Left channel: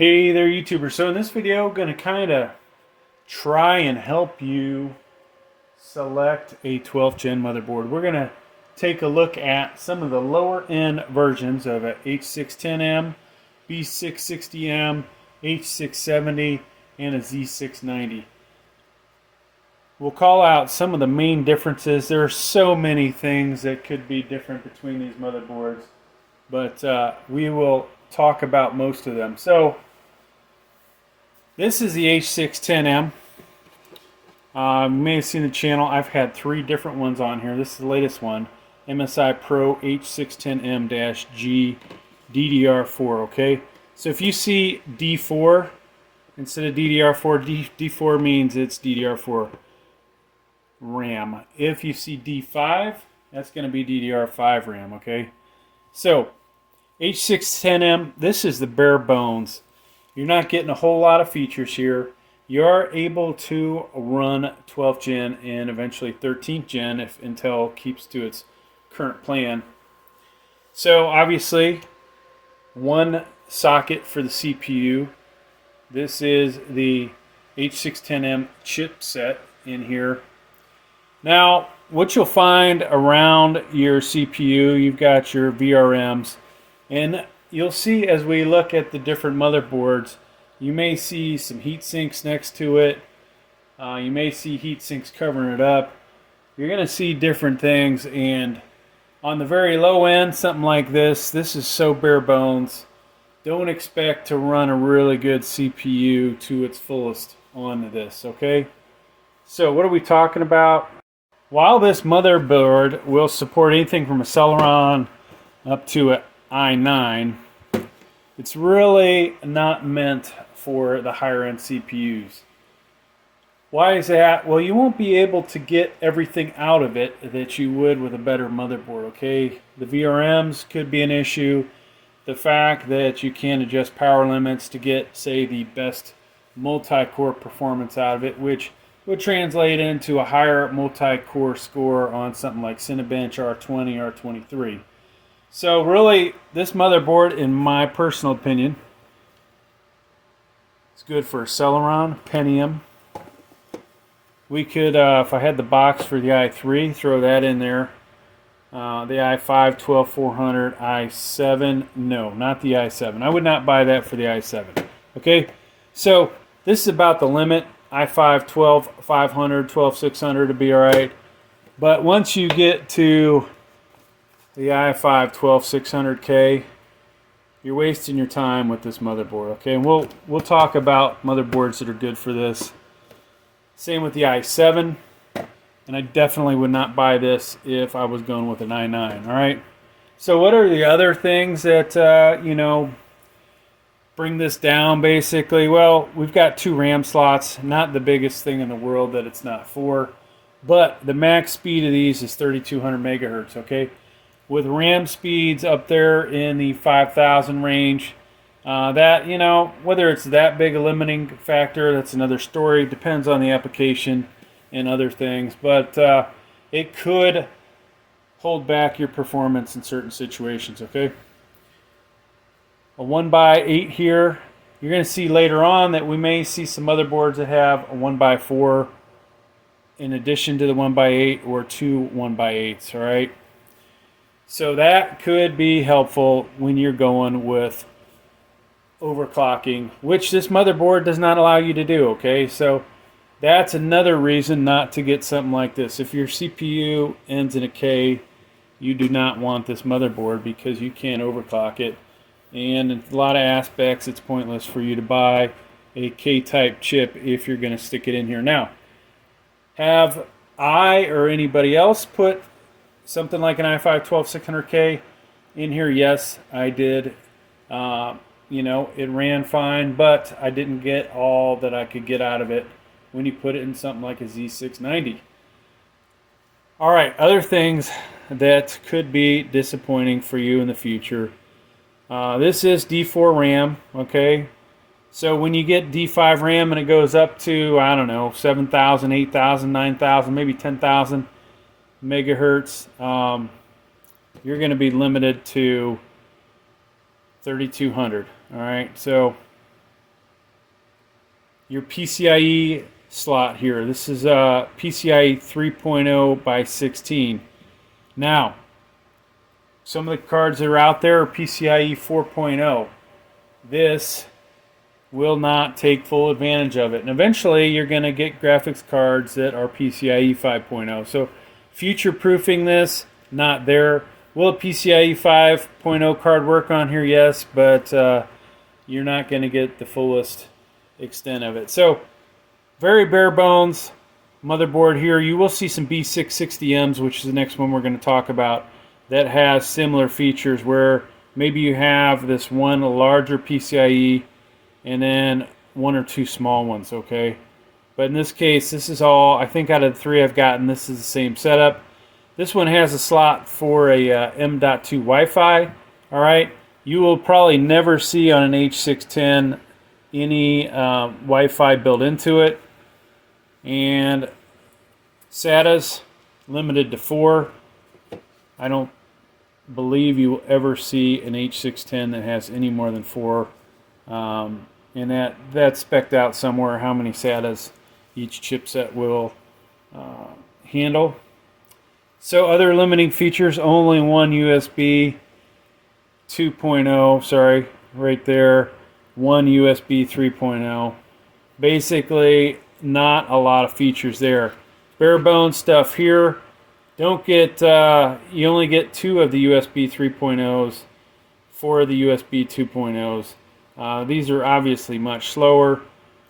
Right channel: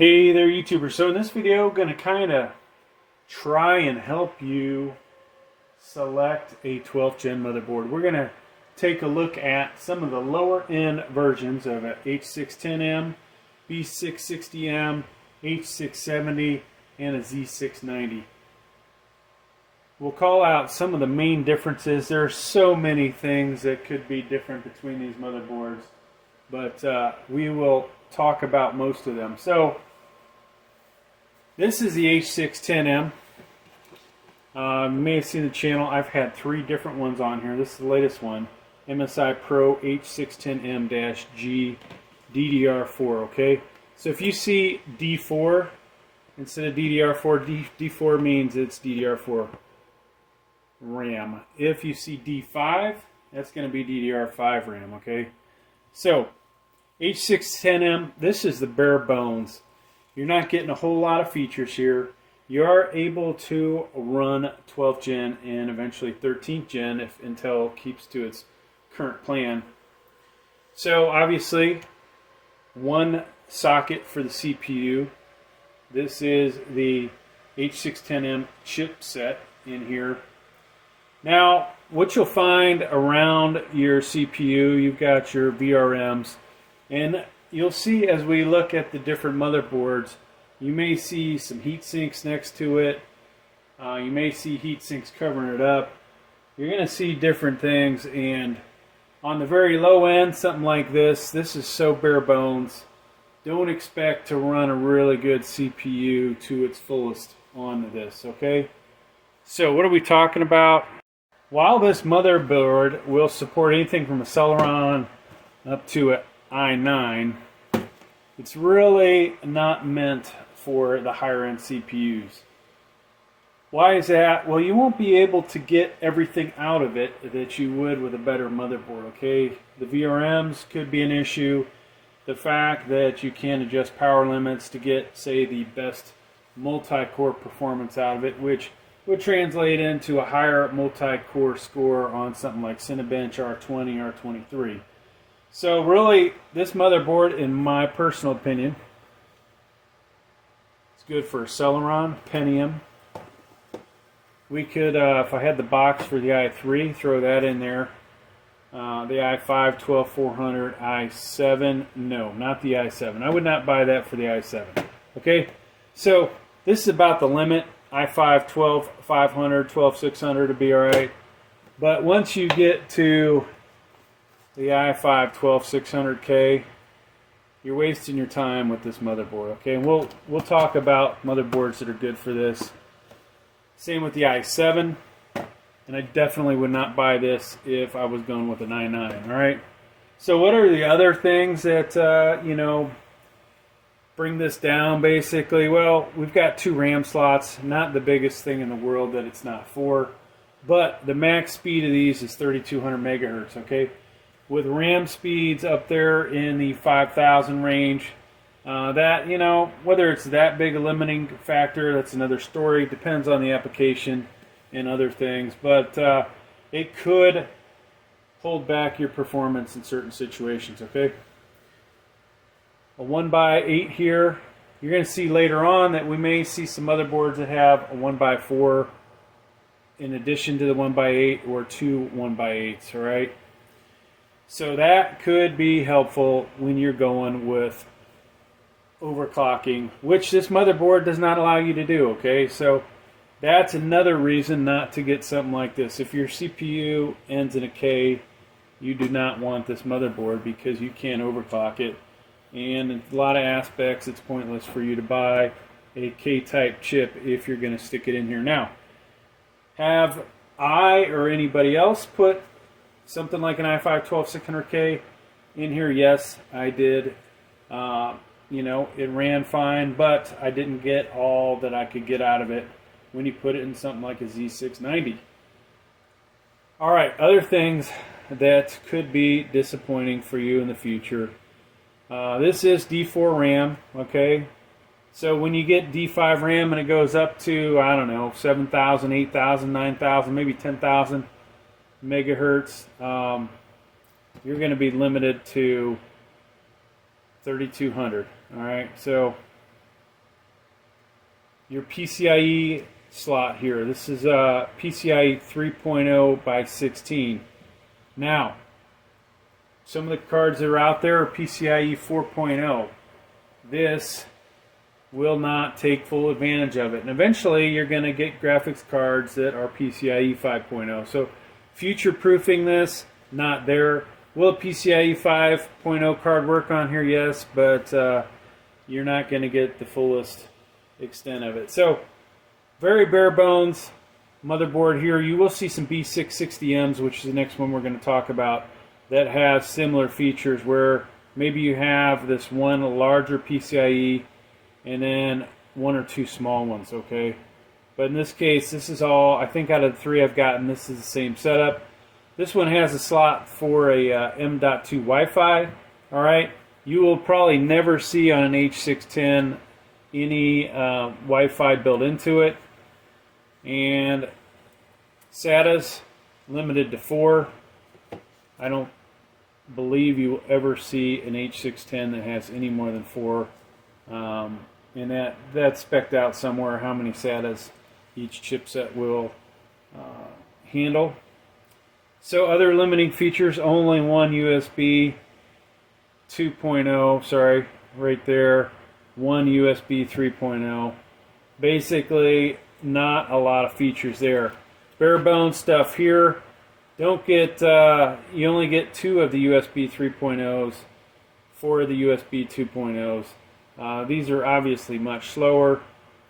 Hey there, YouTubers. So in this video, I'm going to kind of try and help you select a 12th gen motherboard. We're going to take a look at some of the lower end versions of a H610m, B660m, H670, and a Z690. We'll call out some of the main differences. There are so many things that could be different between these motherboards, but we will talk about most of them. So this is the H610m. You may have seen the channel. I've had 3 different ones on here. This is the latest one, Msi Pro H610m-G DDR4. Okay, so if you see D4 instead of DDR4, D4 means it's DDR4 RAM. If you see D5, that's going to be DDR5 RAM. Okay, so H610m, this is the bare bones. You're not getting a whole lot of features here. You are able to run 12th gen and eventually 13th gen if Intel keeps to its current plan. So obviously, one socket for the CPU. This is the H610m chipset in here. Now, what you'll find around your CPU, you've got your VRMs, and you'll see as we look at the different motherboards, you may see some heat sinks next to it. You may see heat sinks covering it up. You're going to see different things, and on the very low end, something like this is so bare bones. Don't expect to run a really good CPU to its fullest on this, okay? So what are we talking about? While this motherboard will support anything from a Celeron up to an i9, it's really not meant for the higher end CPUs. Why is that? Well, you won't be able to get everything out of it that you would with a better motherboard, okay? The VRMs could be an issue. The fact that you can't adjust power limits to get, say, the best multi-core performance out of it, which would translate into a higher multi-core score on something like Cinebench R20 or R23. So really, this motherboard, in my personal opinion, is good for Celeron, Pentium. We could, if I had the box for the i3, throw that in there. The i5 12400, i7, no, not the i7. I would not buy that for the i7. Okay, so this is about the limit. i5 12500, 12600 to be alright. But once you get to the i5 12600K, you're wasting your time with this motherboard. Okay, and we'll talk about motherboards that are good for this. Same with the i7, and I definitely would not buy this if I was going with an i9. All right. So what are the other things that bring this down? Basically, well, we've got 2 RAM slots. Not the biggest thing in the world that it's not for, but the max speed of these is 3200 megahertz. Okay. With RAM speeds up there in the 5,000 range, that, whether it's that big a limiting factor, that's another story. Depends on the application and other things, but it could hold back your performance in certain situations. Okay, a 1x8 here. You're going to see later on that we may see some motherboards that have a 1x4 in addition to the 1x8 or 2 1x8s. All right. So that could be helpful when you're going with overclocking, which this motherboard does not allow you to do, okay? So that's another reason not to get something like this. If your CPU ends in a K, you do not want this motherboard because you can't overclock it. And in a lot of aspects, it's pointless for you to buy a K-type chip if you're going to stick it in here. Now, have I or anybody else put something like an i5 12600K in here? Yes, I did. It ran fine, but I didn't get all that I could get out of it when you put it in something like a Z690. All right, other things that could be disappointing for you in the future. This is D4 RAM, okay? So when you get D5 RAM and it goes up to, I don't know, 7,000, 8,000, 9,000, maybe 10,000 megahertz, you're going to be limited to 3200. All right, so your PCIe slot here. This is PCIe 3.0 by 16. Now, some of the cards that are out there are PCIe 4.0. This will not take full advantage of it. And eventually you're going to get graphics cards that are PCIe 5.0. So future-proofing this, not there. Will a PCIe 5.0 card work on here? Yes, but you're not going to get the fullest extent of it. So very bare bones motherboard here. You will see some B660Ms, which is the next one we're going to talk about, that has similar features where maybe you have this one larger PCIe and then one or two small ones, okay? But in this case, this is all, I think out of the three I've gotten, this is the same setup. This one has a slot for a M.2 Wi-Fi, all right? You will probably never see on an H610 any Wi-Fi built into it. And SATAs, limited to 4. I don't believe you will ever see an H610 that has any more than 4. And that's spec'd out somewhere how many SATAs each chipset will handle. So other limiting features, only one USB 2.0, sorry, right there, one USB 3.0. Basically, not a lot of features there. Bare bones stuff here. Don't get, you only get 2 of the USB 3.0s, 4 of the USB 2.0s. These are obviously much slower.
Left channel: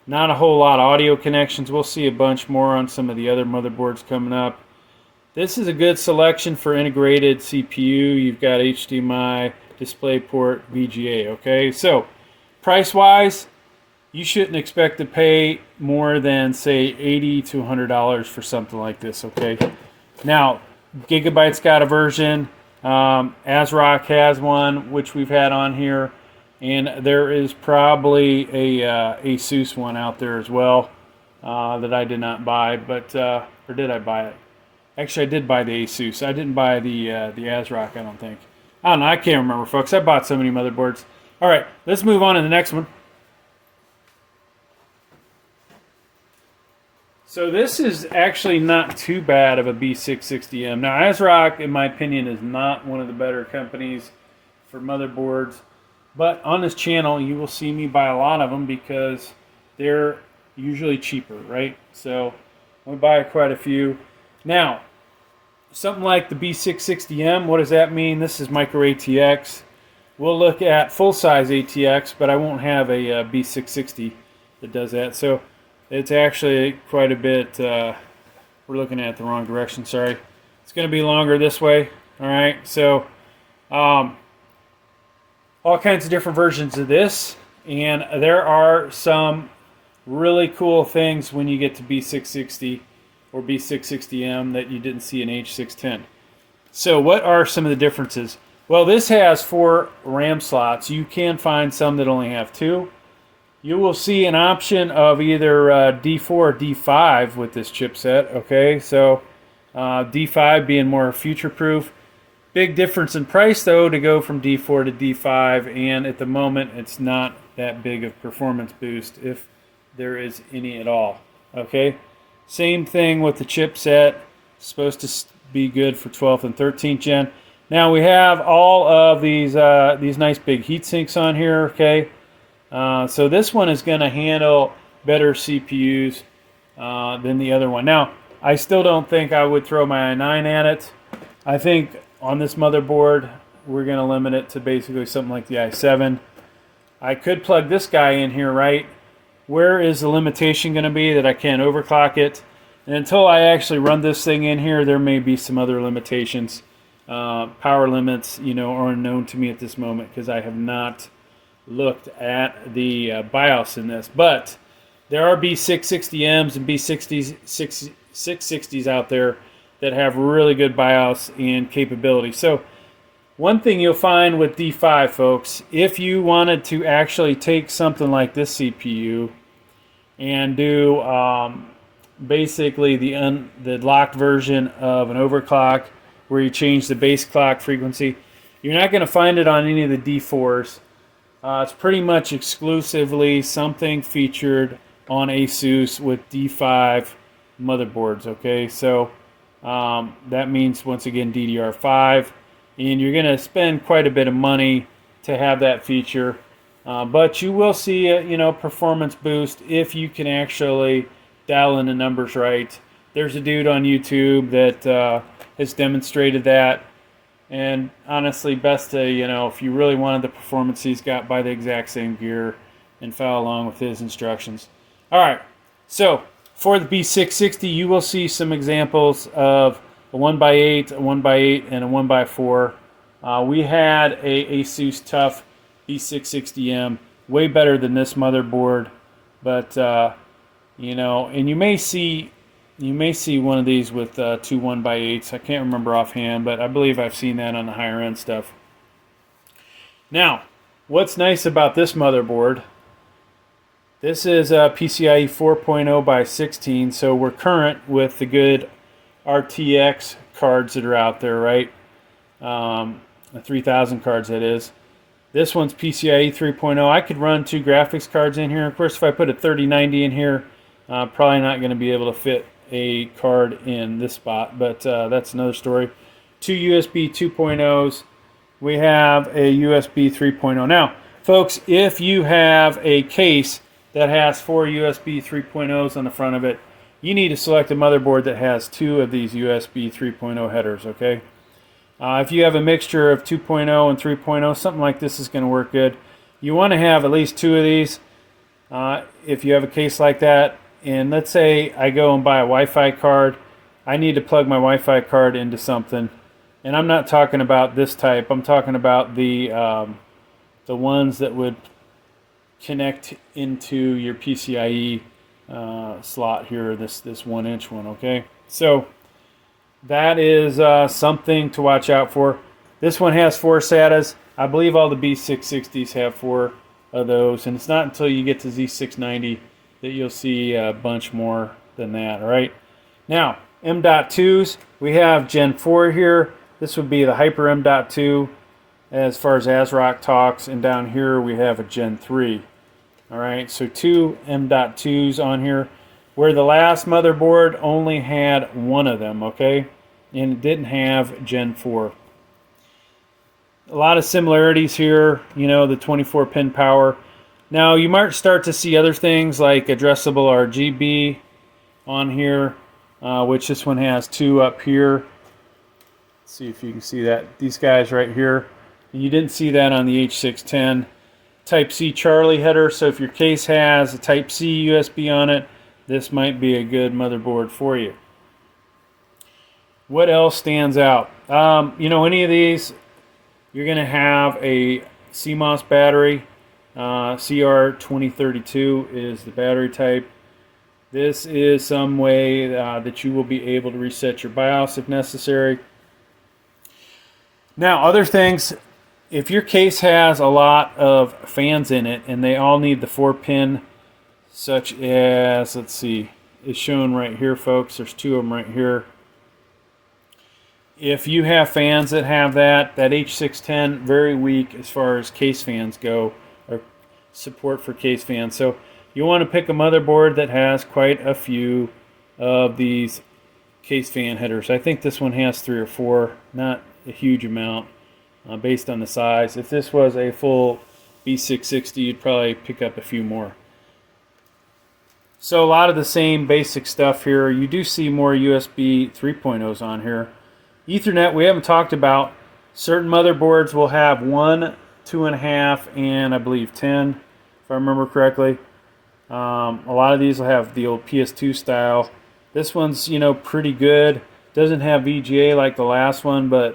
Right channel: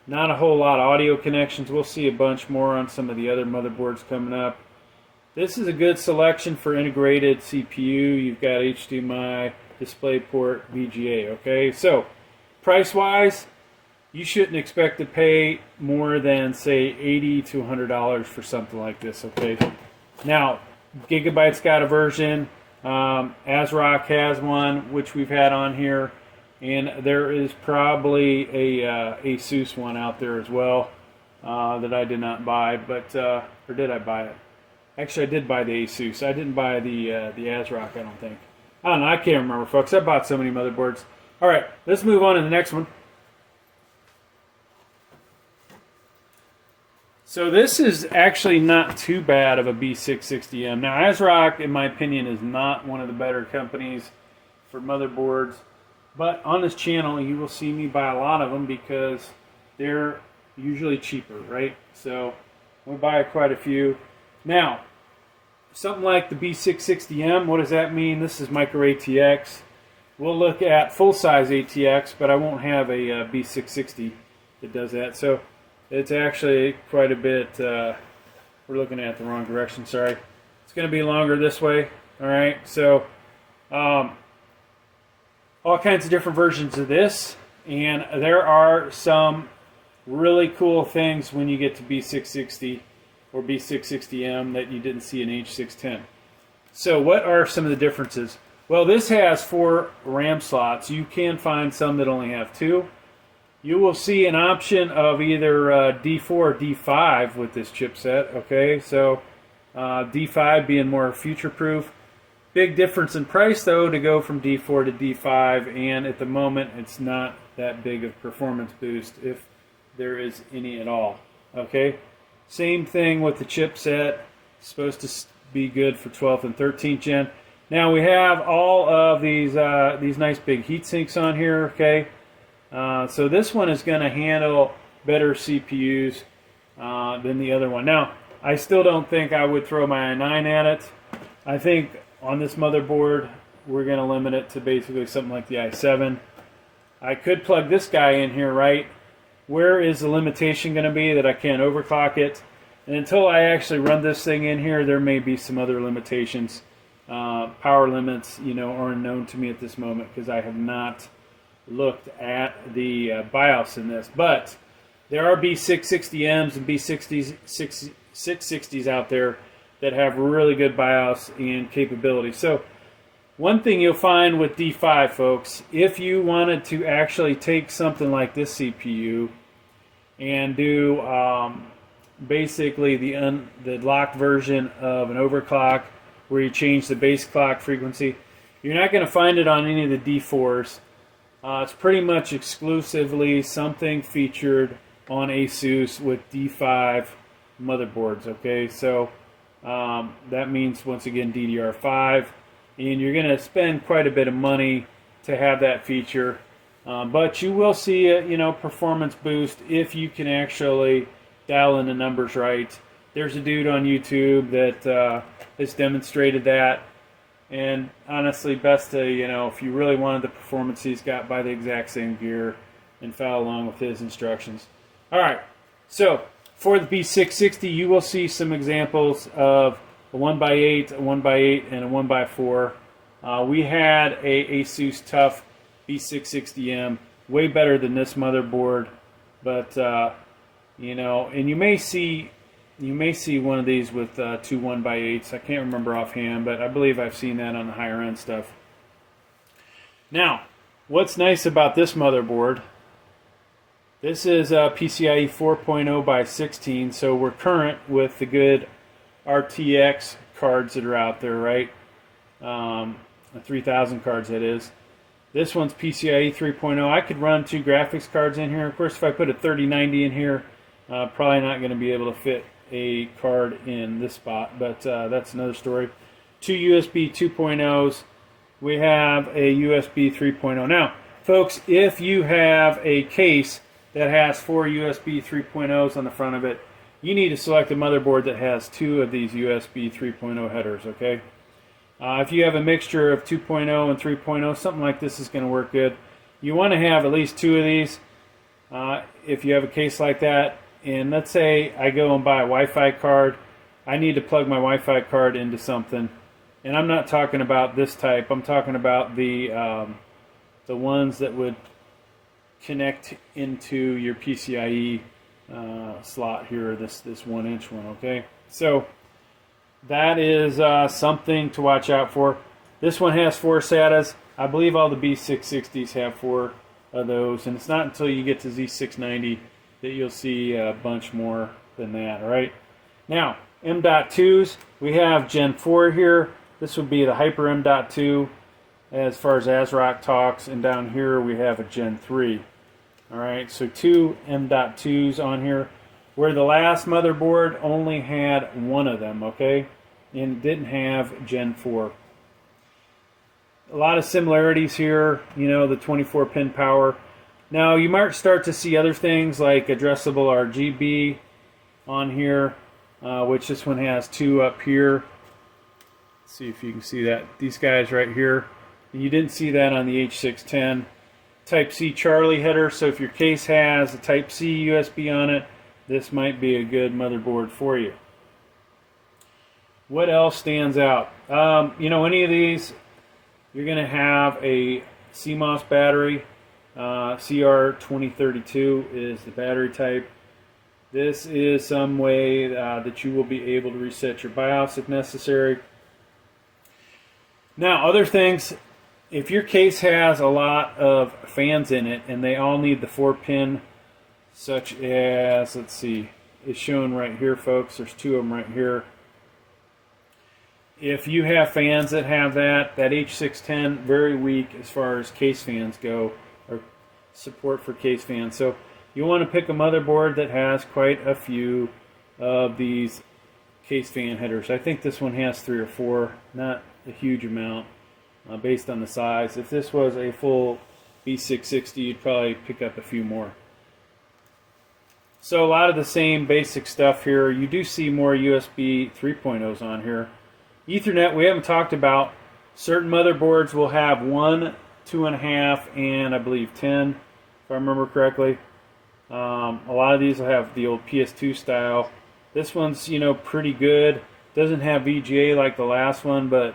Not a whole lot of audio connections. We'll see a bunch more on some of the other motherboards coming up. This is a good selection for integrated CPU. You've got HDMI, DisplayPort, VGA, okay? So, price-wise, you shouldn't expect to pay more than, say, $80 to $100 for something like this, okay? Now, Gigabyte's got a version. ASRock has one, which we've had on here. And there is probably a Asus one out there as well that I did not buy, but or did I buy it? Actually, I did buy the Asus. I didn't buy the ASRock, I don't think. I don't know. I can't remember, folks. I bought so many motherboards. All right, let's move on to the next one. So this is actually not too bad of a B660M. Now, ASRock, in my opinion, is not one of the better companies for motherboards. But on this channel, you will see me buy a lot of them because they're usually cheaper, right? So I buy quite a few. Now, something like the B660M, what does that mean? This is micro ATX. We'll look at full-size ATX, but I won't have a B660 that does that. So it's actually quite a bit, we're looking at it the wrong direction, sorry. It's going to be longer this way, all right? So, all kinds of different versions of this, and there are some really cool things when you get to B660 or B660M that you didn't see in H610. So what are some of the differences? Well, this has 4 RAM slots. You can find some that only have 2. You will see an option of either D4 or D5 with this chipset, okay? So D5 being more future-proof. Big difference in price, though, to go from D4 to D5, and at the moment, it's not that big of performance boost, if there is any at all, okay? Same thing with the chipset. It's supposed to be good for 12th and 13th gen. Now, we have all of these nice big heat sinks on here, okay? So this one is going to handle better CPUs than the other one. Now, I still don't think I would throw my i9 at it. I think on this motherboard, we're going to limit it to basically something like the i7. I could plug this guy in here, right? Where is the limitation going to be that I can't overclock it? And until I actually run this thing in here, there may be some other limitations. Power limits, you know, are unknown to me at this moment because I have not looked at the BIOS in this. But there are B660Ms and B660s out there that have really good BIOS and capability. So one thing you'll find with D5, folks, if you wanted to actually take something like this CPU and do basically the locked version of an overclock where you change the base clock frequency, you're not going to find it on any of the D4s. It's pretty much exclusively something featured on Asus with D5 motherboards. Okay, so that means once again DDR5, and you're going to spend quite a bit of money to have that feature, but you will see a performance boost if you can actually dial in the numbers right. There's a dude on YouTube that has demonstrated that, and honestly, best to if you really wanted the performance he's got, buy the exact same gear and follow along with his instructions. All right, so for the B660, you will see some examples of a 1x8, a 1x8, and a 1x4. We had a Asus TUF B660M, way better than this motherboard, but and you may see one of these with two 1x8s. I can't remember offhand, but I believe I've seen that on the higher end stuff. Now, what's nice about this motherboard? This is PCIe 4.0 by 16, so we're current with the good RTX cards that are out there, right? The 3000 cards, that is. This one's PCIe 3.0. I could run two graphics cards in here. Of course, if I put a 3090 in here, probably not going to be able to fit a card in this spot, but that's another story. Two USB 2.0s. We have a USB 3.0. Now, folks, if you have a case that has four USB 3.0s on the front of it, you need to select a motherboard that has two of these USB 3.0 headers, okay? If you have a mixture of 2.0 and 3.0, something like this is going to work good. You want to have at least two of these if you have a case like that. And let's say I go and buy a Wi-Fi card. I need to plug my Wi-Fi card into something. And I'm not talking about this type. I'm talking about the ones that would connect into your PCIe slot here, this 1-inch one, okay? So that is something to watch out for. This one has 4 SATAs. I believe all the B660s have 4 of those, and it's not until you get to Z690 that you'll see a bunch more than that, all right? Now, M.2s, we have Gen 4 here. This would be the Hyper M.2 as far as ASRock talks, and down here we have a Gen 3. All right, so 2 M.2s on here, where the last motherboard only had one of them, okay? And it didn't have Gen 4. A lot of similarities here, the 24-pin power. Now, you might start to see other things like addressable RGB on here, which this one has 2 up here. Let's see if you can see that. These guys right here. You didn't see that on the H610. Type-C Charlie header, so if your case has a Type-C USB on it, this might be a good motherboard for you. What else stands out? Any of these, you're going to have a Cmos battery. CR2032 is the battery type. This is some way that you will be able to reset your BIOS if necessary. Now, other things, if your case has a lot of fans in it and they all need the 4-pin, such as, let's see, it's shown right here, folks. There's 2 of them right here. If you have fans that have that H610, very weak as far as case fans go, or support for case fans. So you want to pick a motherboard that has quite a few of these case fan headers. I think this one has 3 or 4, not a huge amount based on the size. If this was a full B660, you'd probably pick up a few more. So a lot of the same basic stuff here. You do see more USB 3.0s on here. Ethernet, we haven't talked about. Certain motherboards will have 1, 2.5, and I believe 10, if I remember correctly. A lot of these will have the old PS2 style. This one's, pretty good. Doesn't have VGA like the last one, but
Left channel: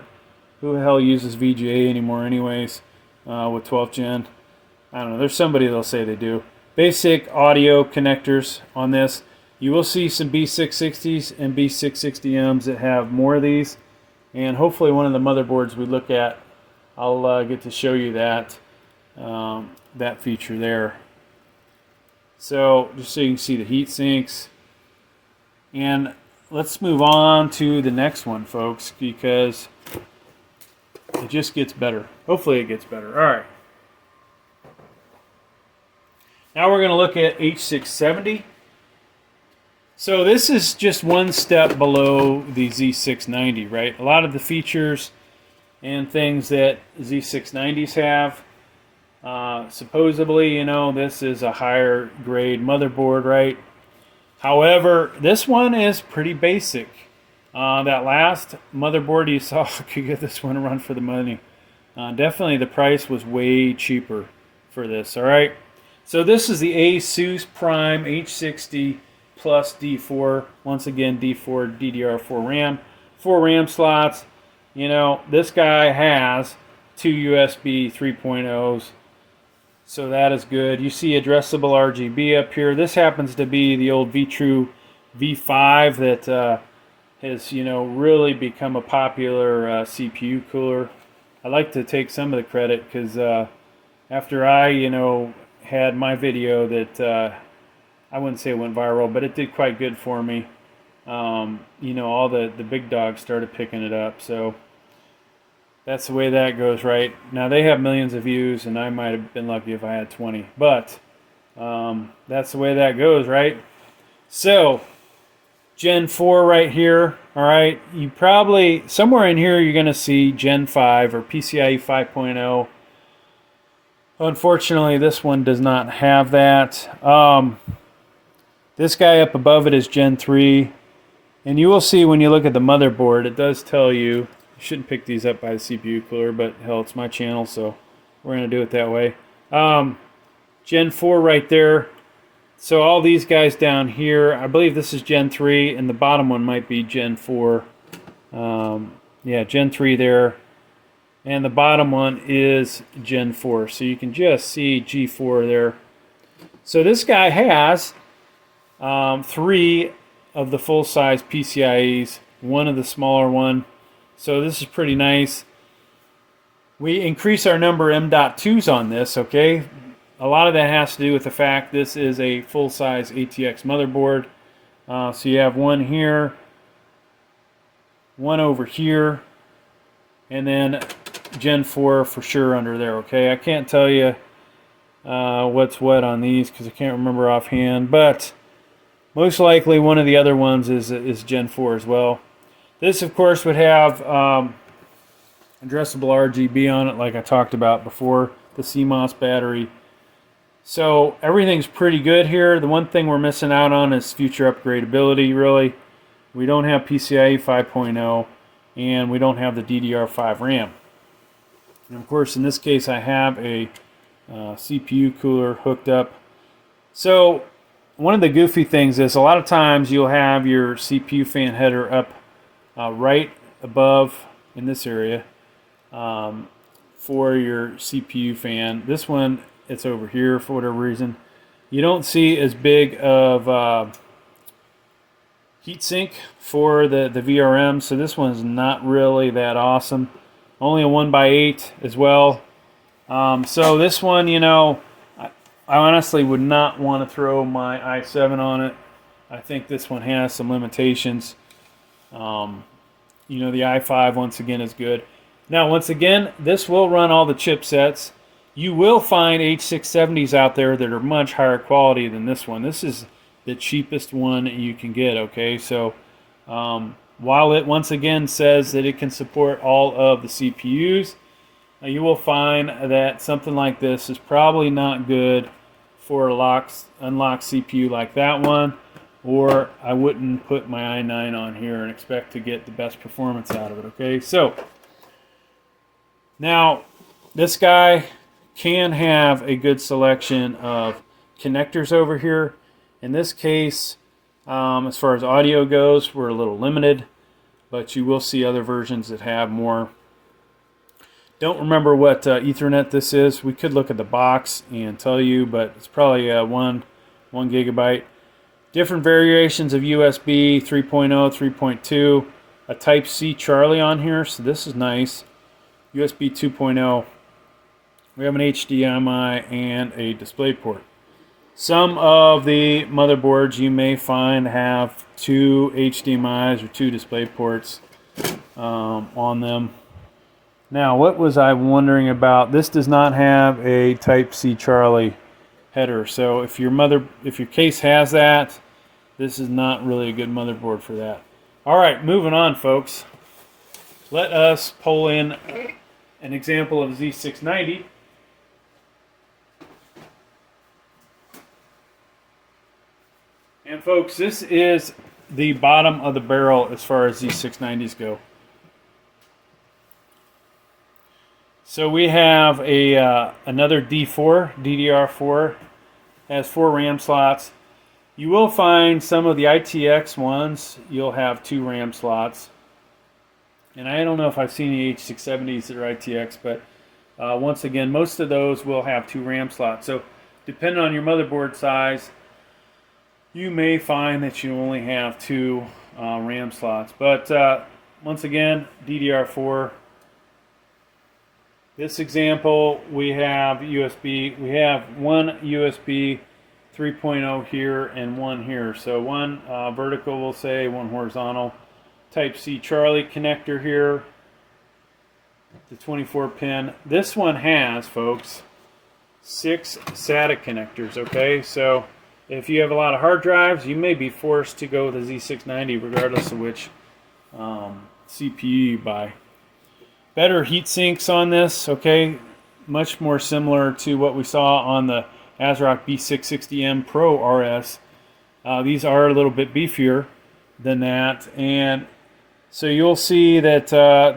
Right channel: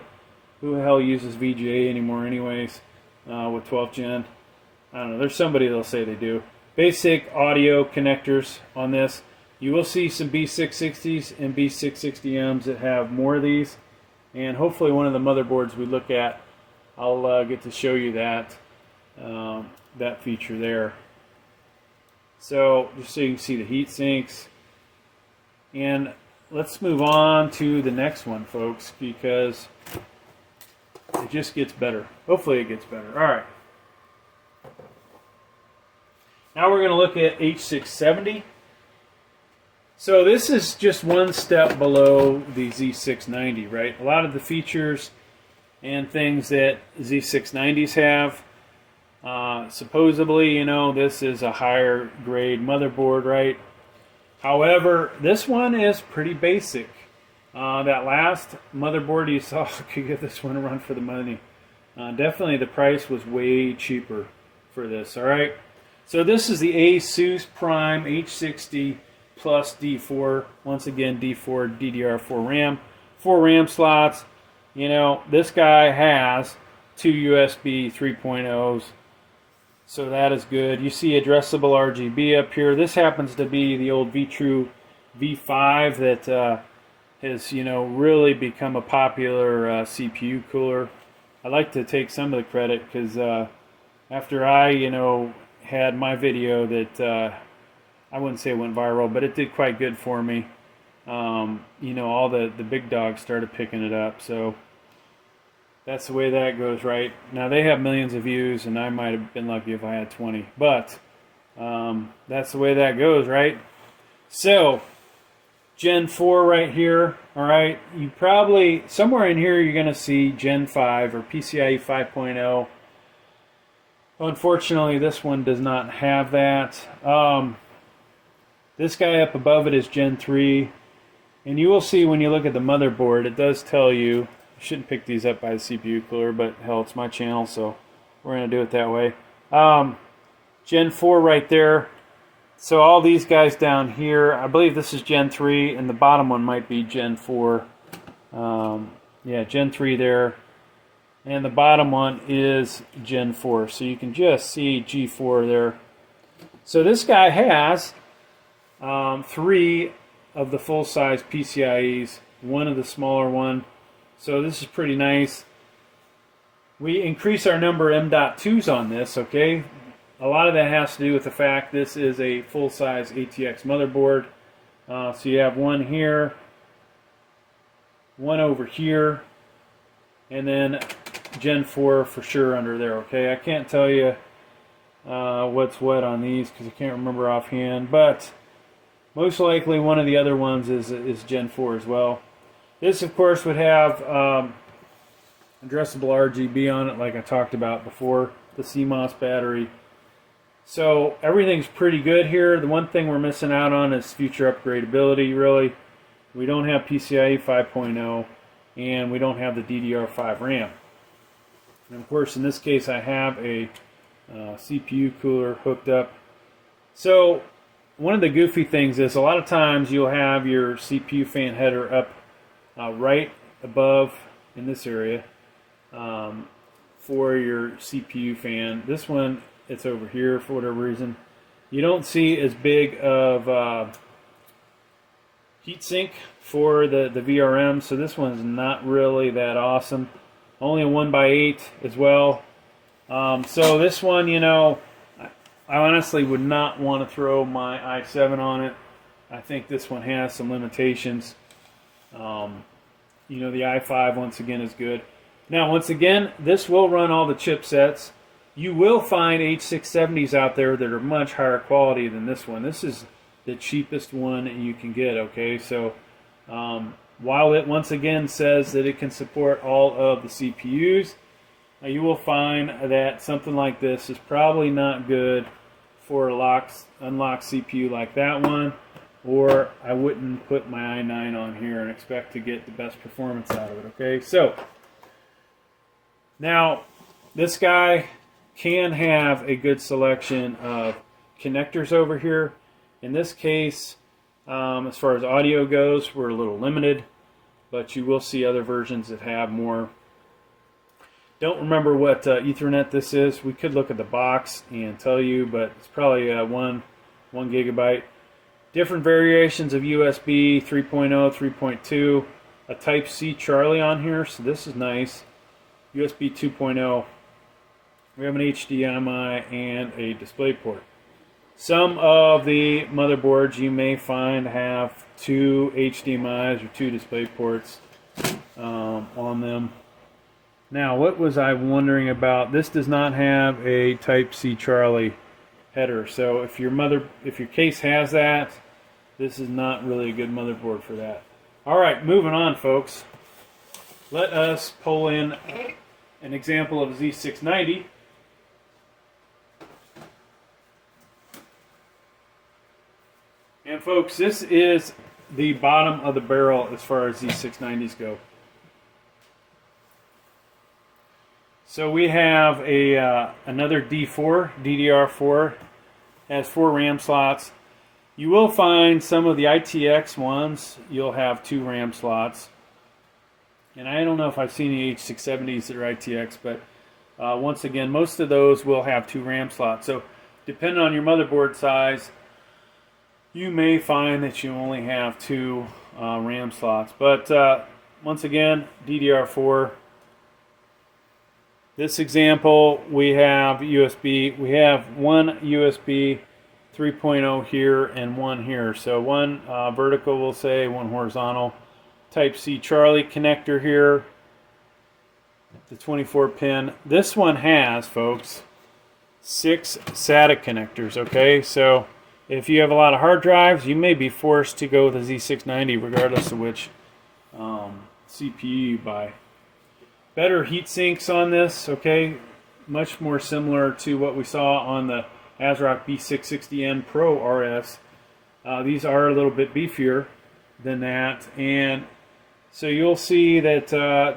who the hell uses VGA anymore anyways with 12th gen? I don't know. There's somebody that'll say they do. Basic audio connectors on this. You will see some B660s and B660Ms that have more of these. And hopefully one of the motherboards we look at, I'll get to show you that that feature there. So just so you can see the heat sinks. And let's move on to the next one, folks, because it just gets better. Hopefully it gets better. All right. Now we're going to look at H670. So this is just one step below the Z690, right? A lot of the features and things that Z690s have, supposedly, you know, this is a higher grade motherboard, right? However, this one is pretty basic. That last motherboard you saw could get this one a run for the money. Definitely the price was way cheaper for this, all right? So this is the Asus Prime H60 plus D4. Once again, D4 DDR4 RAM. 4 RAM slots. You know, this guy has 2 USB 3.0s. So that is good. You see addressable RGB up here. This happens to be the old V-True V5 that has, you know, really become a popular CPU cooler. I like to take some of the credit because after I, you know, had my video that I wouldn't say it went viral, but it did quite good for me. You know, all the big dogs started picking it up, so that's the way that goes, right? Now they have millions of views, and I might have been lucky if I had 20, but that's the way that goes, right? So Gen 4 right here, all right? You probably, somewhere in here, you're going to see Gen 5 or PCIe 5.0. Unfortunately, this one does not have that. This guy up above it is Gen 3. And you will see when you look at the motherboard, it does tell you, you shouldn't pick these up by the CPU cooler, but hell, it's my channel, so we're going to do it that way. Gen 4 right there. So all these guys down here, I believe this is Gen 3, and the bottom one might be Gen 4. Yeah, Gen 3 there. And the bottom one is Gen 4. So you can just see G4 there. So this guy has 3 of the full-size PCIEs, 1 of the smaller one. So this is pretty nice. We increase our number of M.2s on this, okay? A lot of that has to do with the fact this is a full-size ATX motherboard. So you have 1 here, 1 over here, and then Gen 4 for sure under there, okay? I can't tell you what's what on these because I can't remember offhand, but most likely one of the other ones is Gen 4 as well. This, of course, would have addressable RGB on it like I talked about before, the Cmos Battery. So everything's pretty good here. The one thing we're missing out on is future upgradability, really. We don't have PCIe 5.0, and we don't have the DDR5 RAM. And of course, in this case, I have a CPU cooler hooked up. So one of the goofy things is a lot of times you'll have your CPU fan header up right above in this area for your CPU fan. This one, it's over here for whatever reason. You don't see as big of heatsink for the VRM, so this one's not really that awesome. Only a 1x8 as well. So this one, you know, I honestly would not want to throw my i7 on it. I think this one has some limitations. You know, the i5 once again is good. Now, once again, this will run all the chipsets. You will find H670s out there that are much higher quality than this one. This is the cheapest one you can get, okay? So while it once again says that it can support all of the CPUs, you will find that something like this is probably not good for a unlocked CPU like that one, or I wouldn't put my i9 on here and expect to get the best performance out of it, okay? So now this guy can have a good selection of connectors over here. In this case, as far as audio goes, we're a little limited, but you will see other versions that have more. Don't remember what Ethernet this is. We could look at the box and tell you, but it's probably 1 gigabyte. Different variations of USB 3.0, 3.2, a Type-C Charlie on here, so this is nice. USB 2.0. We have an HDMI and a DisplayPort. Some of the motherboards you may find have 2 HDMIs or 2 DisplayPorts on them. Now, what was I wondering about? This does not have a Type-C Charlie header. So if your case has that, this is not really a good motherboard for that. All right, moving on, folks. Let us pull in an example of Z690. And folks, this is the bottom of the barrel as far as Z690s go. So we have another DDR4, has 4 RAM slots. You will find some of the ITX ones, you'll have 2 RAM slots. And I don't know if I've seen any H670s that are ITX, but once again, most of those will have 2 RAM slots. So depending on your motherboard size, you may find that you only have 2 RAM slots. But once again, DDR4. This example, we have USB. We have one USB 3.0 here and one here. So one vertical, we'll say, one horizontal. Type-C Charlie connector here. The 24 pin. This one has, folks, 6 SATA connectors, okay? So if you have a lot of hard drives, you may be forced to go with the Z690 regardless of which CPU you buy. Better heat sinks on this, okay? Much more similar to what we saw on the ASRock B660M Pro RS. These are a little bit beefier than that, and so you'll see that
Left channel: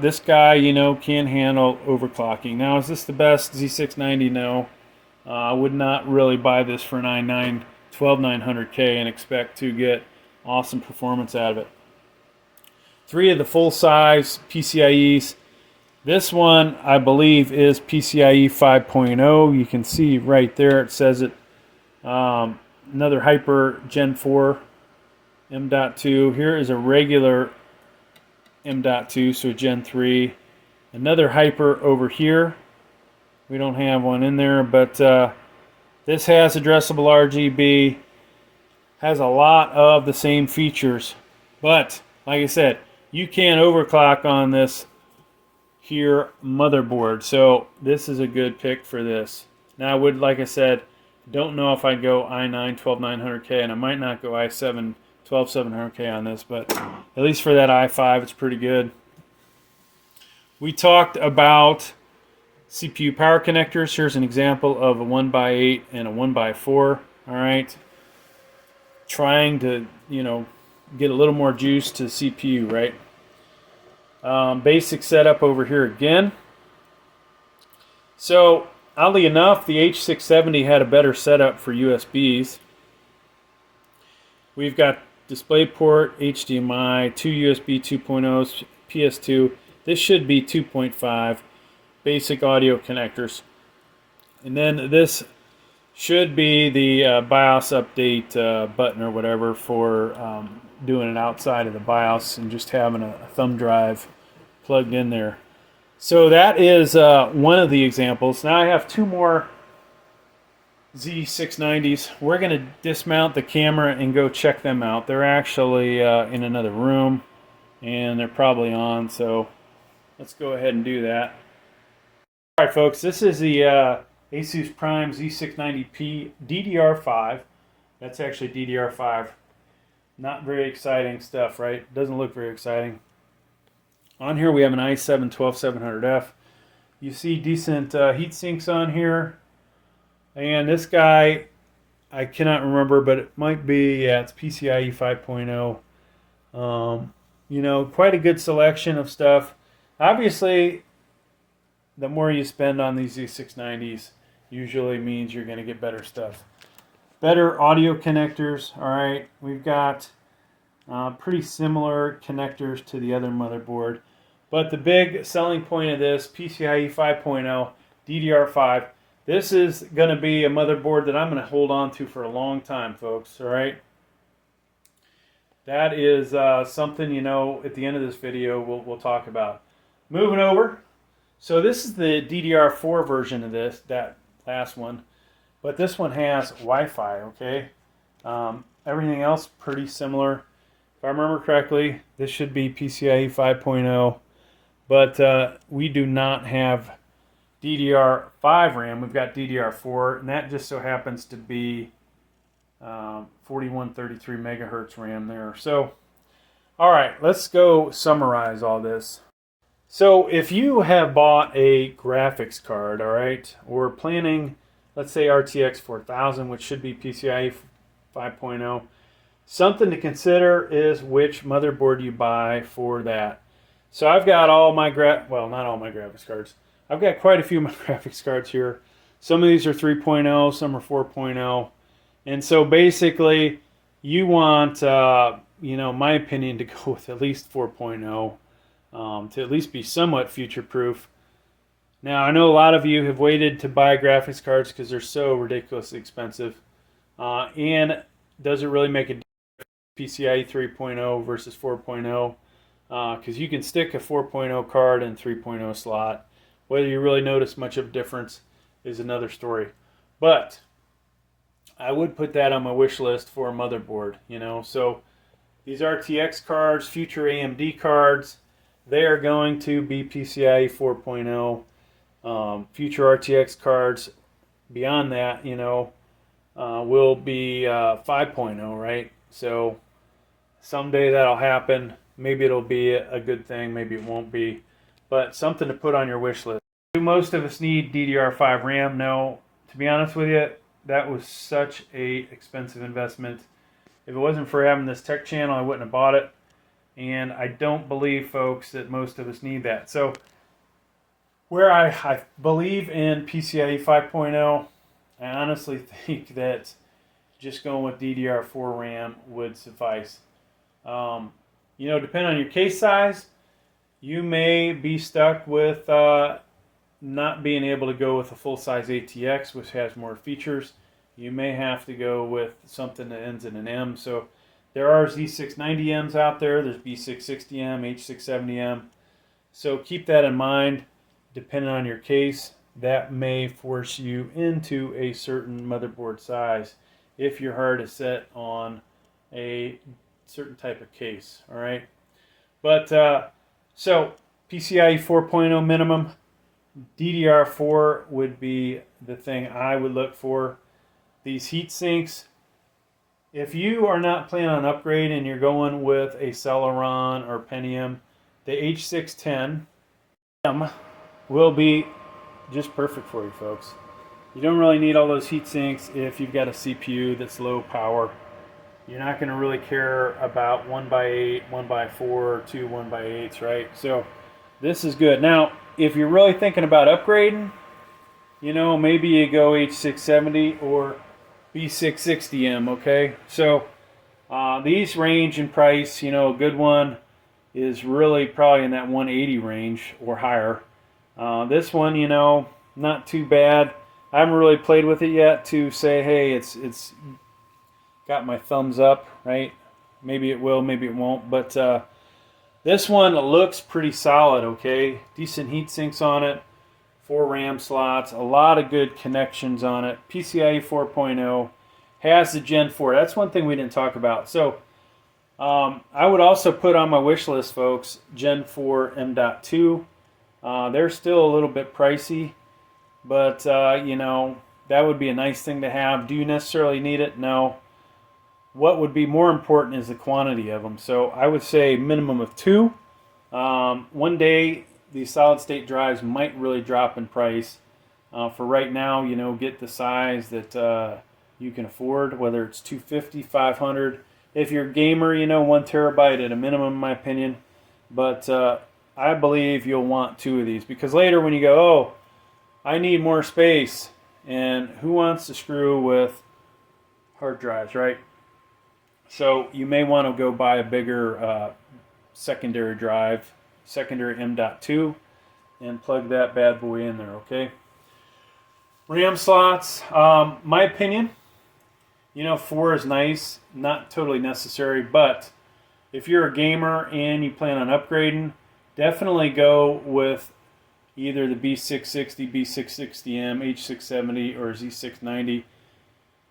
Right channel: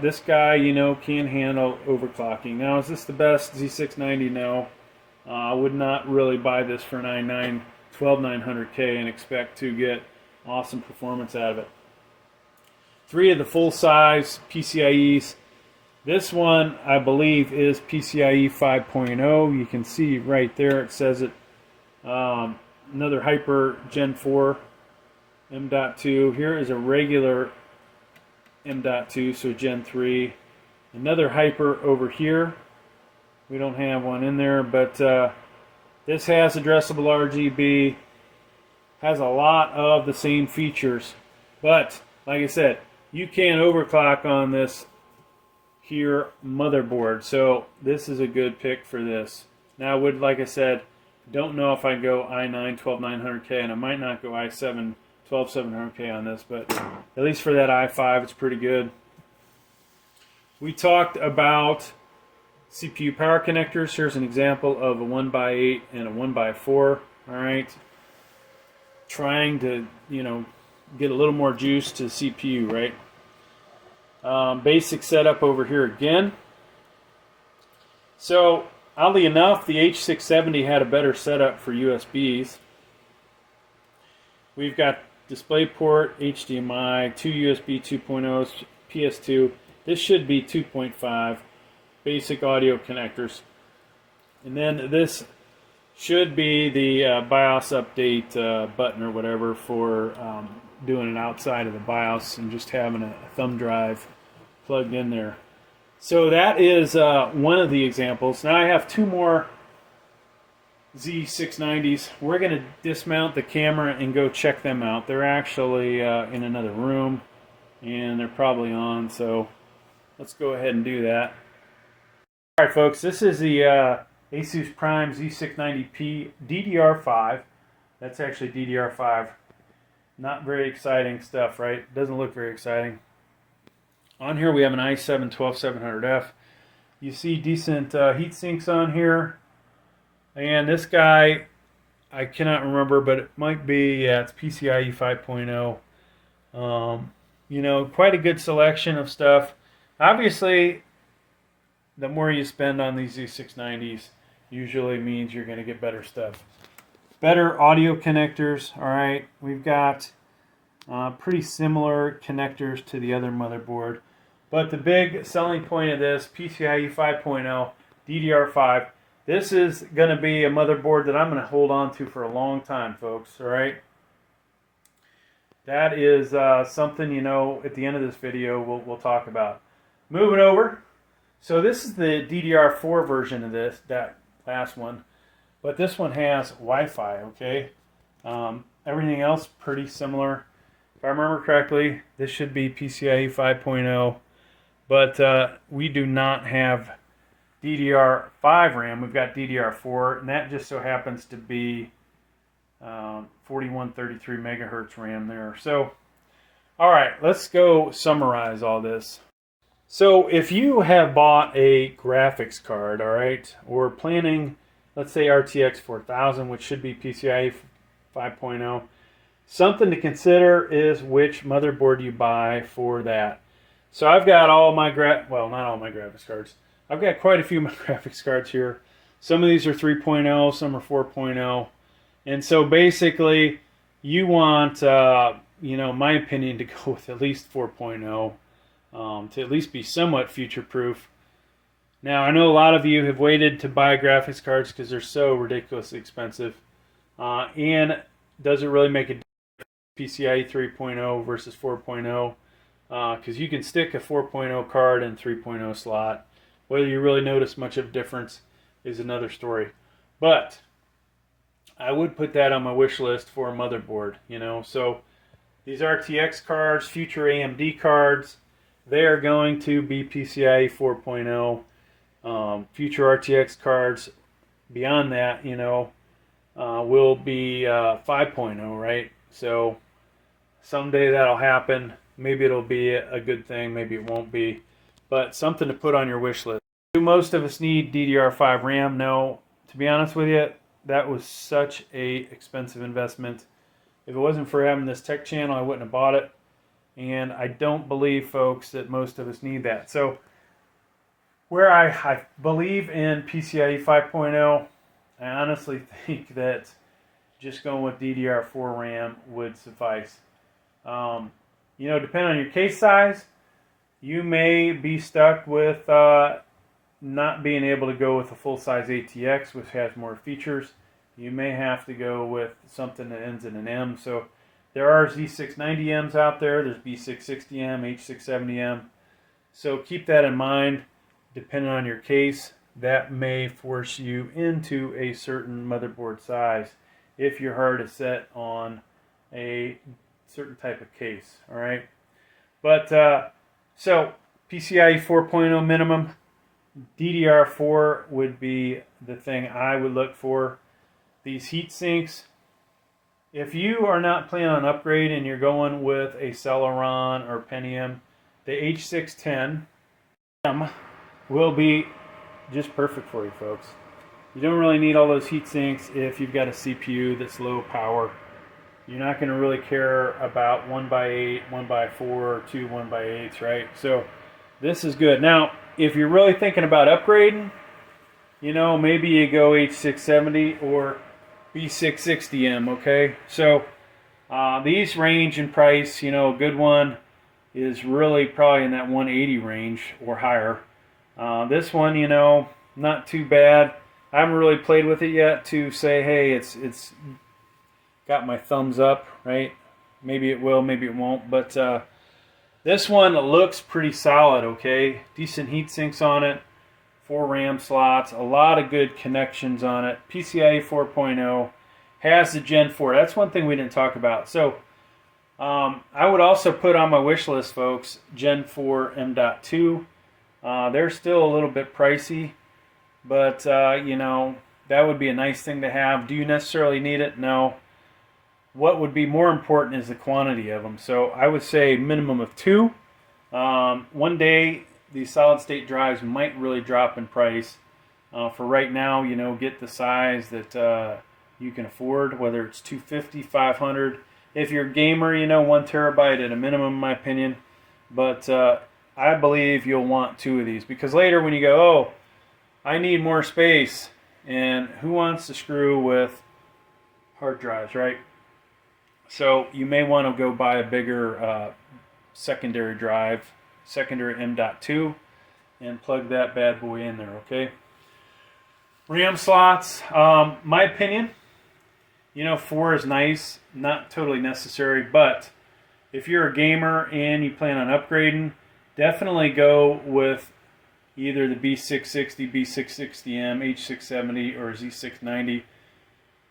this guy, you know, can handle overclocking. Now, is this the best Z690? No. I would not really buy this for 12900K and expect to get awesome performance out of it. 3 of the full-size PCIe's. This one, I believe, is PCIe 5.0. You can see right there, it says it. Another Hyper Gen 4 M.2. Here is a regular M.2, so Gen 3. Another Hyper over here. We don't have one in there, but this has addressable RGB. Has a lot of the same features. But, like I said, you can overclock on this here motherboard, so this is a good pick for this. Now I would, like I said, don't know if I'd go i9 12900K, and I might not go i7 12700K on this, but at least for that i5 it's pretty good. We talked about CPU power connectors. Here's an example of a 1x8 and a 1x4. Alright, trying to, you know, get a little more juice to the CPU, right? Basic setup over here again. So, oddly enough, the H670 had a better setup for USBs. We've got DisplayPort, HDMI, 2 USB 2.0s, PS2. This should be 2.5. Basic audio connectors. And then this should be the BIOS update button or whatever for doing it outside of the BIOS and just having a thumb drive plugged in there. So that is one of the examples. Now I have 2 more Z690s. We're going to dismount the camera and go check them out. They're actually in another room and they're probably on, so let's go ahead and do that. Alright folks, this is the Asus Prime Z690P DDR5. That's actually DDR5. Not very exciting stuff, right? Doesn't look very exciting. On here we have an i7 12700F. You see decent heat sinks on here. And this guy, I cannot remember, but it might be, yeah, it's PCIe 5.0. You know, quite a good selection of stuff. Obviously, the more you spend on these Z690s usually means you're going to get better stuff. Better audio connectors, alright. We've got pretty similar connectors to the other motherboard. But the big selling point of this, PCIe 5.0, DDR5, this is going to be a motherboard that I'm going to hold on to for a long time, folks, alright? That is something, you know, at the end of this video we'll talk about. Moving over. So this is the DDR4 version of this, that last one. But this one has Wi-Fi, okay? Everything else pretty similar. If I remember correctly, this should be PCIe 5.0. But we do not have DDR5 RAM. We've got DDR4, and that just so happens to be 4133 megahertz RAM there. So, all right, let's go summarize all this. So, if you have bought a graphics card, all right, or planning, let's say RTX 4000, which should be PCIe 5.0, something to consider is which motherboard you buy for that. So I've got all my well, not all my graphics cards. I've got quite a few of my graphics cards here. Some of these are 3.0, some are 4.0. And so basically, you want, my opinion, to go with at least 4.0 to at least be somewhat future-proof. Now, I know a lot of you have waited to buy graphics cards because they're so ridiculously expensive. And does it really make a difference PCIe 3.0 versus 4.0? Because you can stick a 4.0 card in 3.0 slot. Whether you really notice much of a difference is another story. But I would put that on my wish list for a motherboard, So these RTX cards, future AMD cards, they are going to be PCIe 4.0. Future RTX cards beyond that, will be 5.0, right? So someday that'll happen. Maybe it'll be a good thing, maybe it won't be. But something to put on your wish list. Do most of us need DDR5 RAM? No. To be honest with you, that was such a expensive investment. If it wasn't for having this tech channel, I wouldn't have bought it. And I don't believe, folks, that most of us need that. So where I believe in PCIe 5.0, I honestly think that just going with DDR4 RAM would suffice. Depending on your case size, you may be stuck with not being able to go with a full-size ATX, which has more features. You may have to go with something that ends in an M. So there are Z690Ms out there. There's B660M, H670M. So keep that in mind. Depending on your case, that may force you into a certain motherboard size if your heart is set on a certain type of case. All right. But so PCIe 4.0 minimum, DDR4 would be the thing I would look for. These heat sinks, if you are not planning on upgrade and you're going with a Celeron or Pentium, the H610m will be just perfect for you, folks. You don't really need all those heat sinks if you've got a CPU that's low power. You're not going to really care about 1x8, 1x4, or two 1x8s, right? So this is good. Now, if you're really thinking about upgrading, maybe you go H670 or B660M, okay? So these range in price. A good one is really probably in that 180 range or higher. This one, not too bad. I haven't really played with it yet to say, hey, it's got my thumbs up, right? Maybe it will, maybe it won't. But this one looks pretty solid, okay? Decent heat sinks on it, 4 RAM slots, a lot of good connections on it. PCIe 4.0, has the Gen 4. That's one thing we didn't talk about. So I would also put on my wish list, folks, Gen 4 M.2. They're still a little bit pricey, but that would be a nice thing to have. Do you necessarily need it? No. What would be more important is the quantity of them. So I would say minimum of 2. One day these solid state drives might really drop in price. For right now, get the size that you can afford, whether it's 250, 500. If you're a gamer, 1 terabyte at a minimum, in my opinion. But I believe you'll want 2 of these, because later when you go, oh, I need more space, and who wants to screw with hard drives, right? So you may want to go buy a bigger secondary drive, secondary M.2, and plug that bad boy in there, okay? RAM slots, my opinion, 4 is nice, not totally necessary, but if you're a gamer and you plan on upgrading, definitely go with either the B660, B660M, H670, or Z690,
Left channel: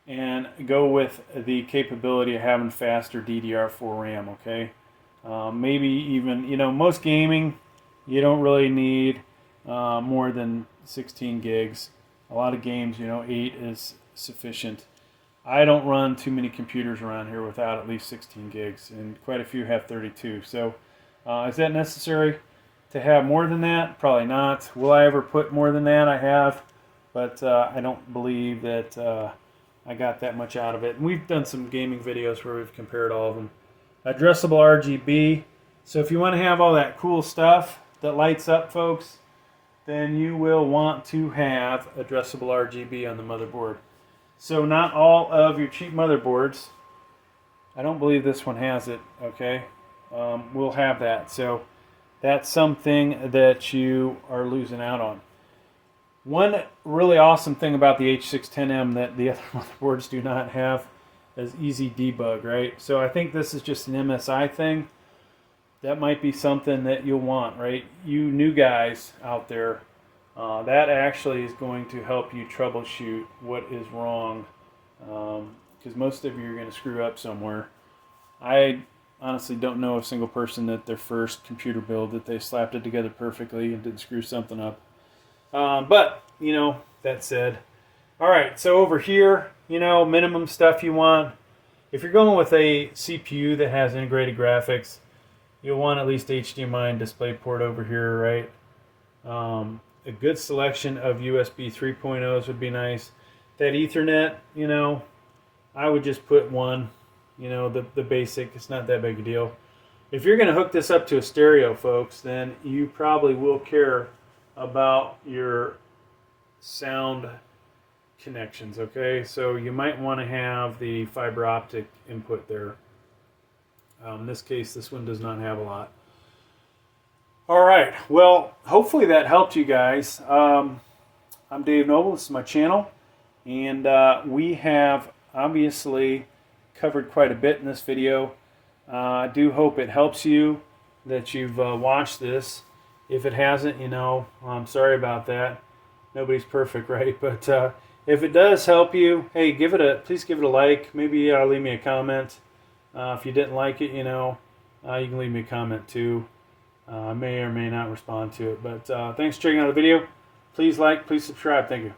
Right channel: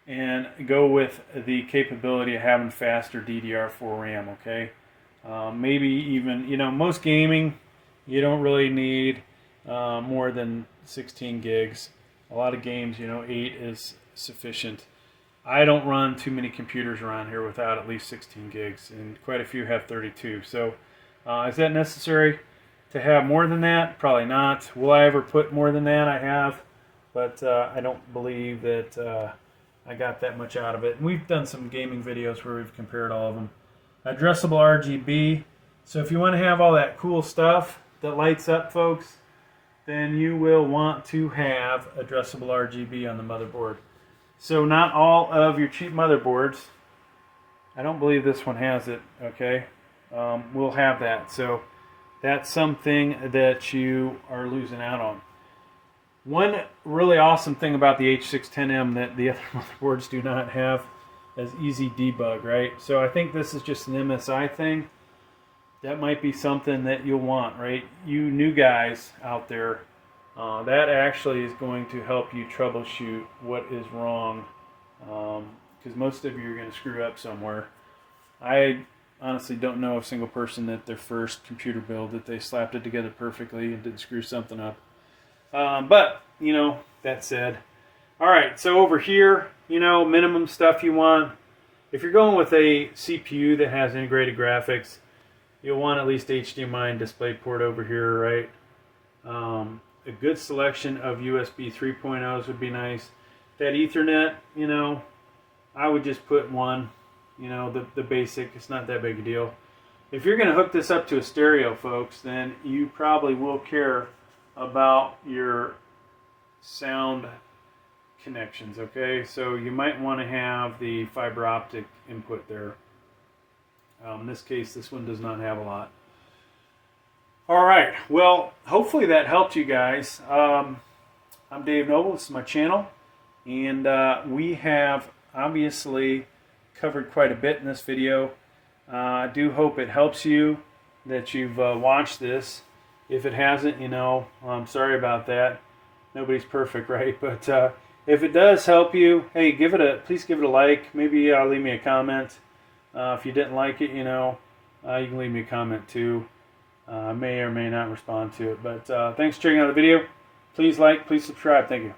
and go with the capability of having faster DDR4 RAM, okay? Maybe even, most gaming, you don't really need more than 16 gigs. A lot of games, 8 is sufficient. I don't run too many computers around here without at least 16 gigs, and quite a few have 32. So is that necessary to have more than that? Probably not. Will I ever put more than that? I have, but I don't believe that I got that much out of it. And we've done some gaming videos where we've compared all of them. Addressable RGB. So if you want to have all that cool stuff that lights up, folks, then you will want to have addressable RGB on the motherboard. So not all of your cheap motherboards, I don't believe this one has it, okay, will have that. So that's something that you are losing out on. One really awesome thing about the H610m that the other motherboards do not have is easy debug, right? So I think this is just an MSI thing. That might be something that you'll want, right? You new guys out there, that actually is going to help you troubleshoot what is wrong, because most of you are going to screw up somewhere. I honestly don't know a single person that their first computer build that they slapped it together perfectly and didn't screw something up. But, that said, all right, so over here, minimum stuff you want. If you're going with a CPU that has integrated graphics, you'll want at least HDMI and DisplayPort over here, right? A good selection of USB 3.0s would be nice. That Ethernet, I would just put one, the basic. It's not that big a deal. If you're going to hook this up to a stereo, folks, then you probably will care about your sound connections, okay? So you might want to have the fiber optic input there. In this case, this one does not have a lot. All right, well, hopefully that helped you guys. I'm Dave Noble, this is my channel, and we have obviously covered quite a bit in this video. I do hope it helps you, that you've watched this. If it hasn't, I'm sorry about that. Nobody's perfect, right? But if it does help you, hey, please give it a like. Maybe leave me a comment. If you didn't like it, you can leave me a comment too. I may or may not respond to it. But thanks for checking out the video. Please like, please subscribe. Thank you.